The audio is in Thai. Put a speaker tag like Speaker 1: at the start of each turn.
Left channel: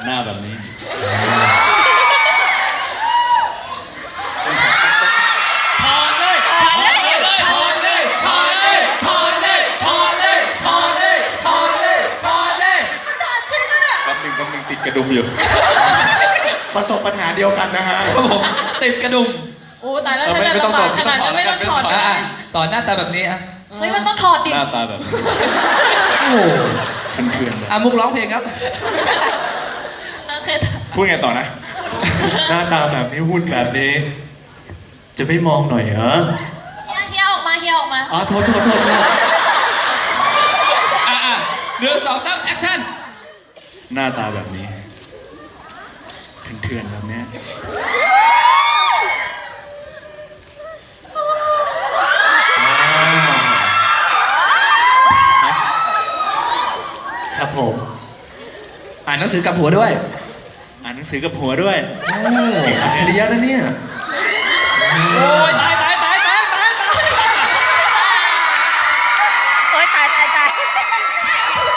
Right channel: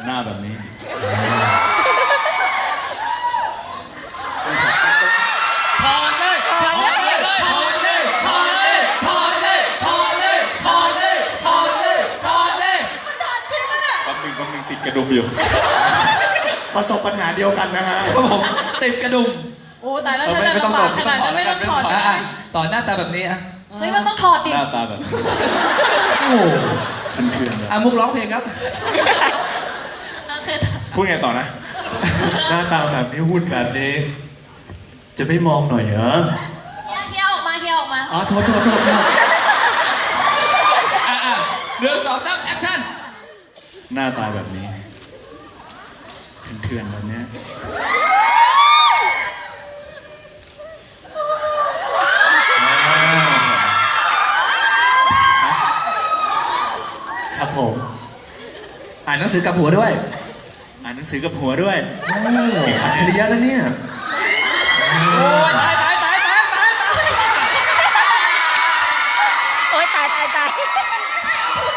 Speaker 1: หน้าแบบนี้พอเลยพอเลยพอเลยพอเลยพอเลยพอเลยพอเลยพอเลยพอเลยแป๊บหนึ่งติดกระดุมอยู่ประสบปัญหาเดียวกันนะฮะครับผมติดกระดุม
Speaker 2: โอ้ตายแล้ว
Speaker 1: ไม่ต้องตอบ
Speaker 2: ขนาดนั้นไม่ต้องถอด
Speaker 1: ต่อหน้าตาแบบนี้ฮะ
Speaker 2: เฮ้ยมันต้องถอดดิ
Speaker 1: หน้าตาแบบโอ้คันเคืองเลย
Speaker 3: มุกร้องเพลงครับ
Speaker 2: นั่นคือ
Speaker 1: พูดไงต่อนะ หน้าตาแบบนี้พูดแบบนี้ จะไม่มองหน่อยเหรอ
Speaker 2: เฮียออกมาเฮียออกมา
Speaker 1: อ๋อโทษ
Speaker 3: เรื่องต่อตั้งแอคชั่น
Speaker 1: หน้าตาแบบนี้เถื่อนๆแบบเนี้ยครับผม
Speaker 3: อ่านหนังสือกับผัวด้วย
Speaker 1: อ่านหนังสือกับหัวด้วยเก่งอัจฉริยะนะเนี่ย
Speaker 2: โอ้ยตายโอ้ยตาย